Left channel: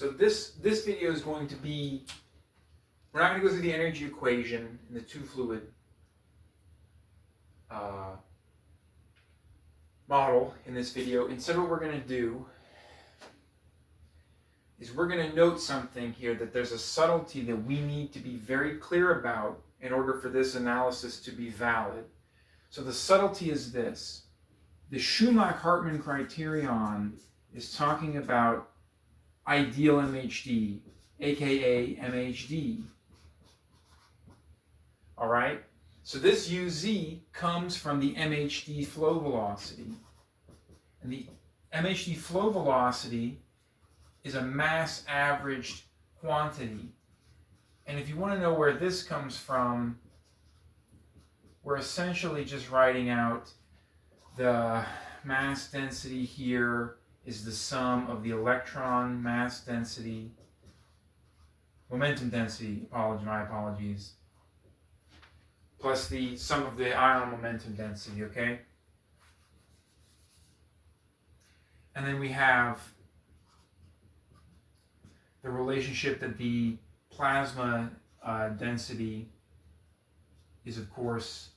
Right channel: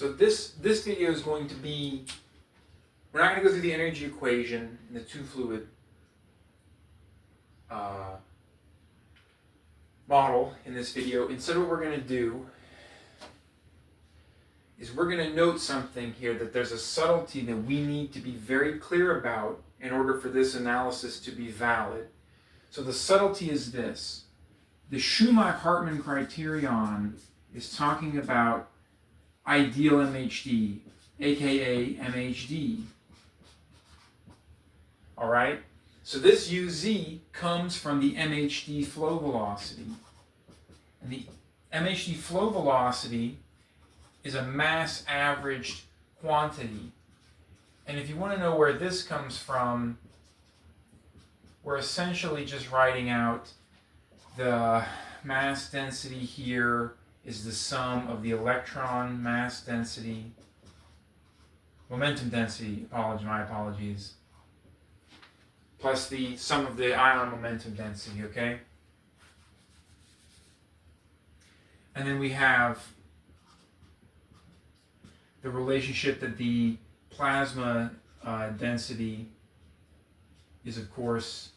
So this video is going to be, we're not going to go through the energy equation in the two-fluid model in this video. Instead, what we're going to do is we're going to note something here, that there's a subtlety that we need to be very clear about in order for this analysis to be valid. So the subtlety is this. The Shumlak-Hartman criterion is talking about ideal MHD, aka MHD. All right? So this UZ comes from the MHD flow velocity. And the MHD flow velocity is a mass averaged quantity. And if you want to know where this comes from, we're essentially just writing out the mass density here is the sum of the electron mass density, momentum density, my apologies, plus the sum of the ion momentum density, okay? And then we have the relationship that the plasma density is, of course,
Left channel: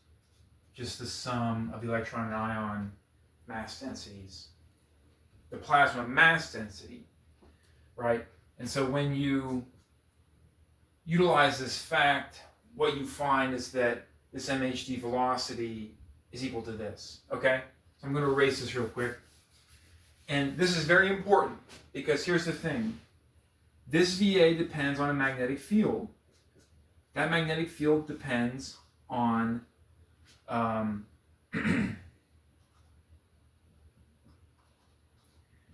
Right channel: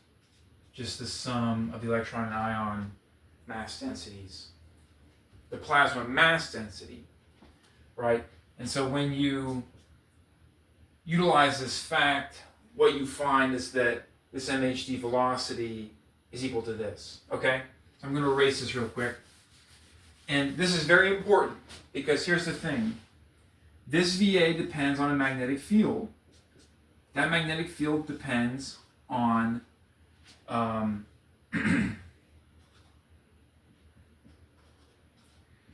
just the sum of the electron and ion mass densities. The plasma mass density, right? And so when you utilize this fact, what you find is that this MHD velocity is equal to this, okay? So I'm going to erase this real quick. And this is very important because here's the thing. This VA depends on a magnetic field. That magnetic field depends on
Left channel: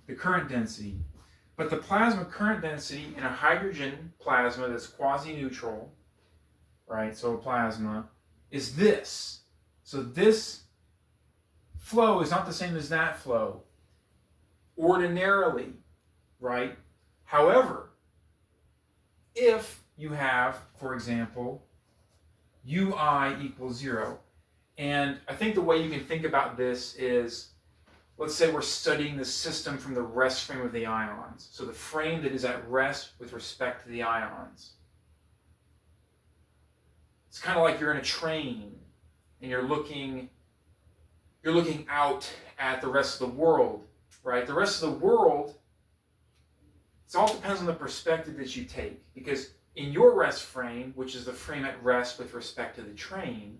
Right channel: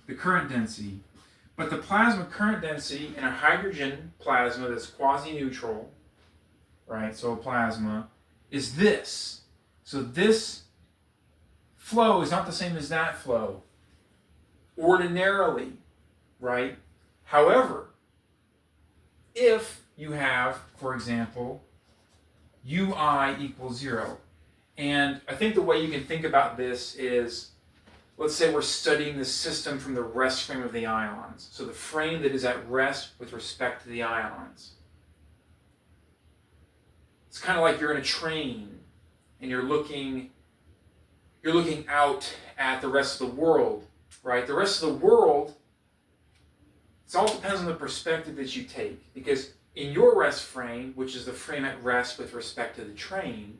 the current density. But the plasma current density in a hydrogen plasma that's quasi-neutral, right, so a plasma, is this. So this flow is not the same as that flow, ordinarily, right? However, if you have, for example, UI equals 0, and I think the way you can think about this is, let's say we're studying the system from the rest frame of the ions. So the frame that is at rest with respect to the ions. It's kind of like you're in a train and you're looking out at the rest of the world, right? The rest of the world, it all depends on the perspective that you take. Because in your rest frame, which is the frame at rest with respect to the train,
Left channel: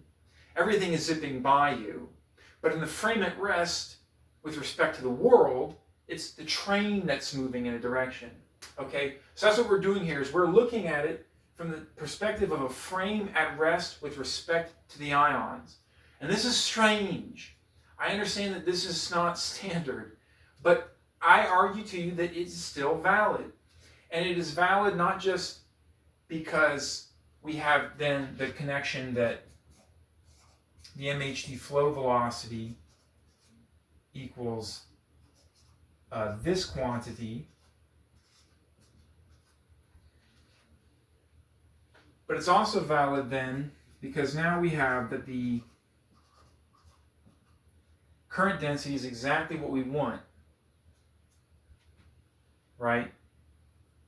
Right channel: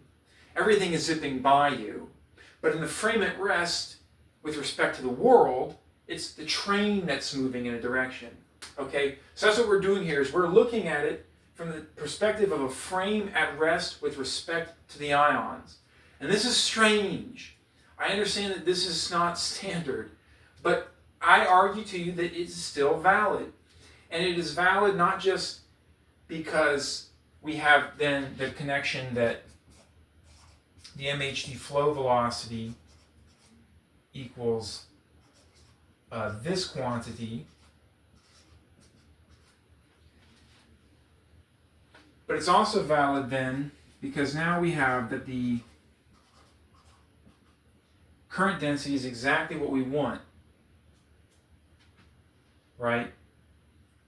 everything is zipping by you. But in the frame at rest with respect to the world, it's the train that's moving in a direction. Okay? So that's what we're doing here, is we're looking at it from the perspective of a frame at rest with respect to the ions. And this is strange. I understand that this is not standard, but I argue to you that it's still valid. And it is valid not just because we have then the connection that the MHD flow velocity equals this quantity, but it's also valid then because now we have that the current density is exactly what we want, right?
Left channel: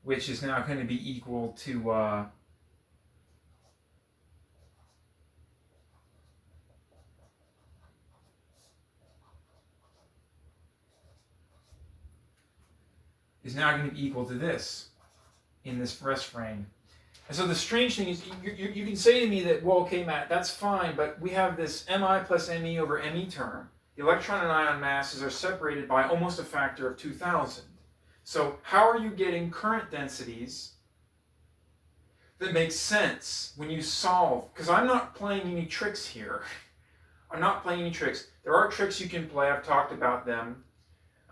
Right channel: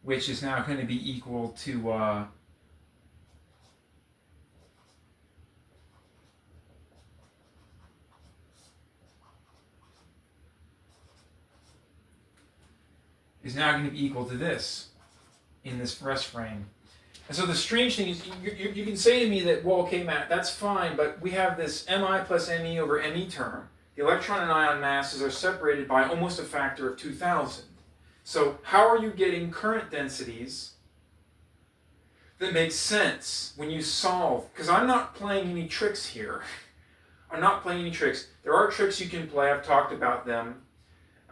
Which is now going to be equal to is now going to be equal to this in this rest frame. And so the strange thing is, you can say to me that, well, okay, Matt, that's fine, but we have this Mi plus Me over Me term. The electron and ion masses are separated by almost a factor of 2,000. So how are you getting current densities that make sense when you solve? Because I'm not playing any tricks here. I'm not playing any tricks. There are tricks you can play. I've talked about them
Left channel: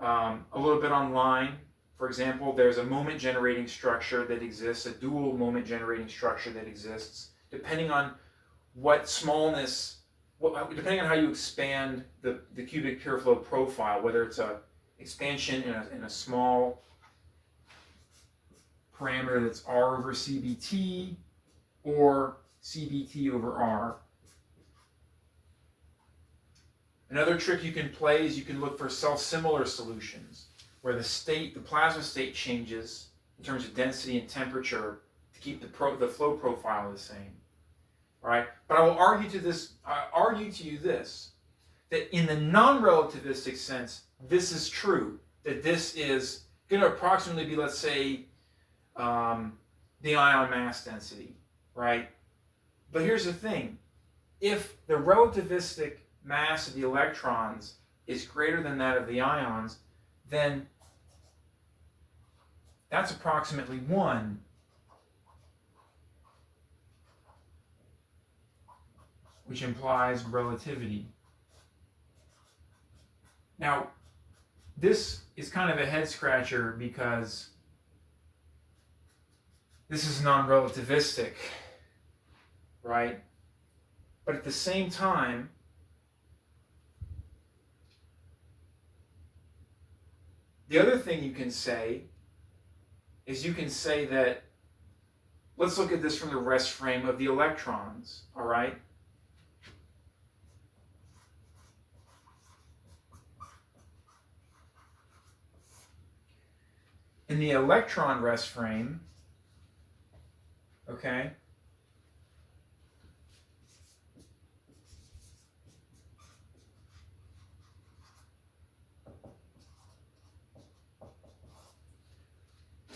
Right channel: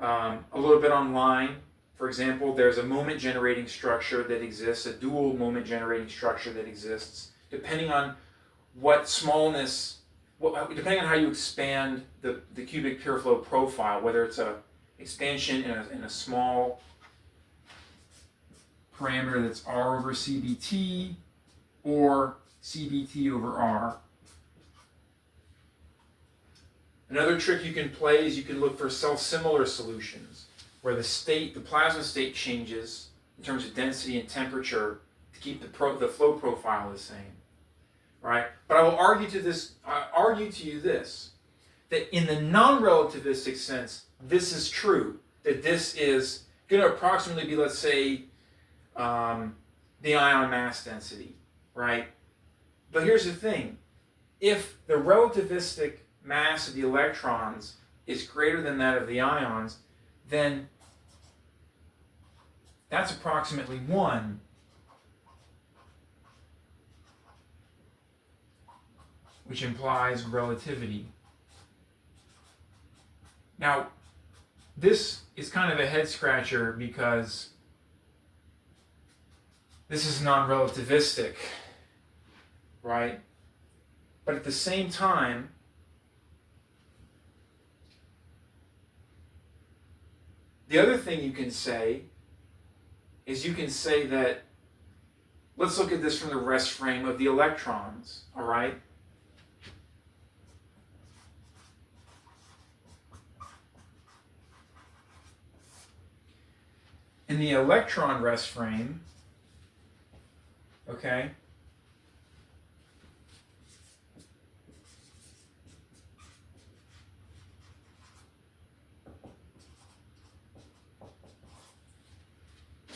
a little bit online. For example, there's a moment generating structure that exists, a dual moment generating structure that exists, depending on what smallness, depending on how you expand the cubic pure flow profile, whether it's a expansion in a small parameter that's R over CBT or CBT over R. Another trick you can play is you can look for self-similar solutions where the plasma state changes in terms of density and temperature to keep the flow profile the same, right? But I will argue to you this, that in the non-relativistic sense, this is true, that this is going to approximately be, let's say, the ion mass density, right? But here's the thing. If the relativistic mass of the electrons is greater than that of the ions, then that's approximately 1. Which implies relativity. Now, this is kind of a head scratcher because this is non-relativistic, right? But at the same time, the other thing you can say is you can say that, let's look at this from the rest frame of the electrons, all right? In the electron rest frame, okay,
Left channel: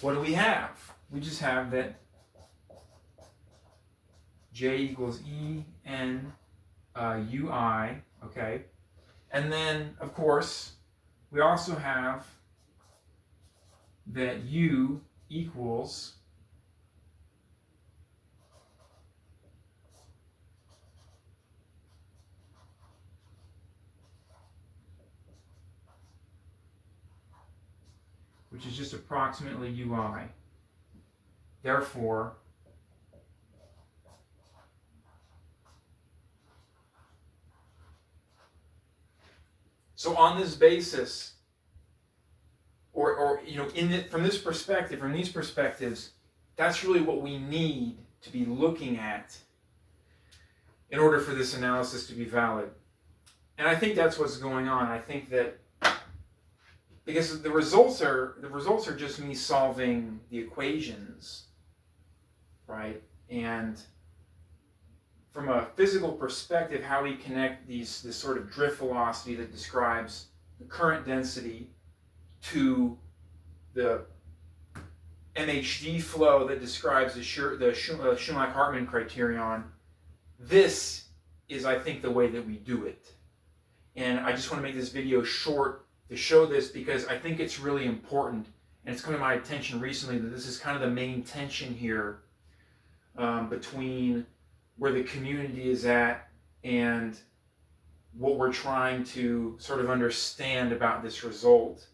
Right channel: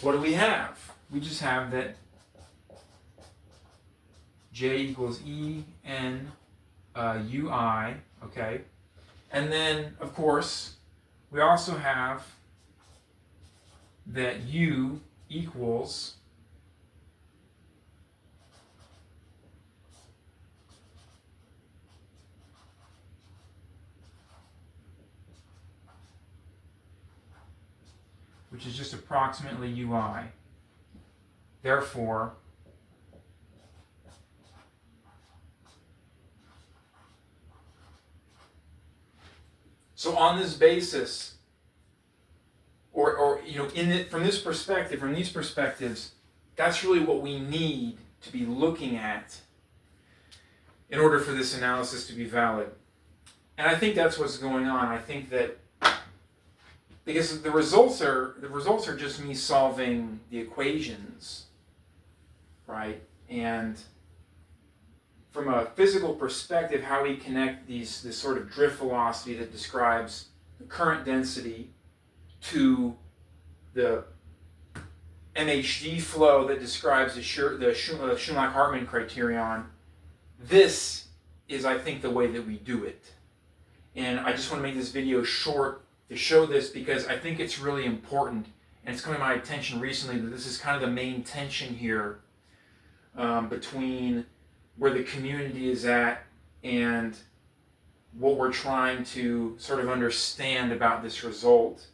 what do we have? We just have that J equals E N UI, okay? And then, of course, we also have that U equals which is just approximately UI. Therefore, so on this basis, or you know, from this perspective, from these perspectives, that's really what we need to be looking at in order for this analysis to be valid. And I think that's what's going on. I think that because the results are just me solving the equations, right? And from a physical perspective, how we connect this sort of drift velocity that describes the current density to the MHD flow that describes the Shumlak-Hartman criterion. This is, I think, the way that we do it. And I just want to make this video short to show this because I think it's really important, and it's come to my attention recently that this is kind of the main tension here between where the community is at and what we're trying to sort of understand about this result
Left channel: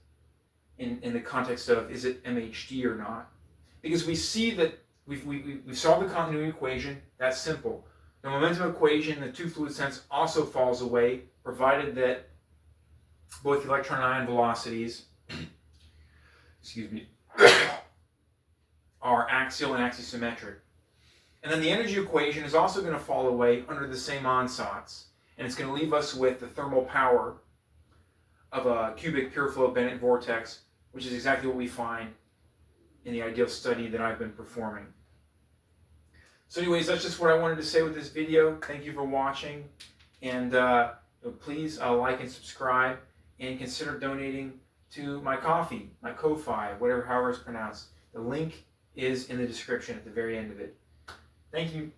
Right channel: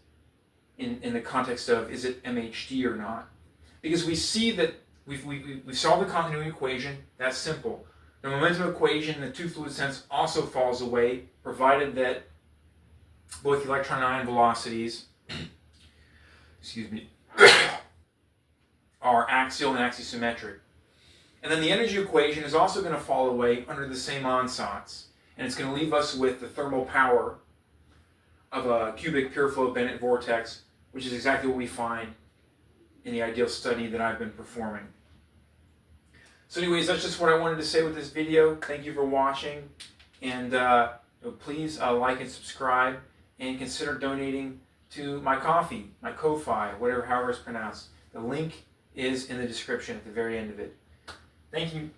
in the context of, is it MHD or not? Because we see that we solved the continuity equation. That's simple. The momentum equation in the two-fluid sense also falls away, provided that both the electron and ion velocities excuse me, are axial and axisymmetric. And then the energy equation is also going to fall away under the same ansatz. And it's going to leave us with the thermal power of a cubic pure flow Bennett vortex, which is exactly what we find in the ideal study that I've been performing. So anyways, that's just what I wanted to say with this video. Thank you for watching. And please like and subscribe, and consider donating to my coffee, my Ko-Fi, however it's pronounced. The link is in the description at the very end of it. Thank you.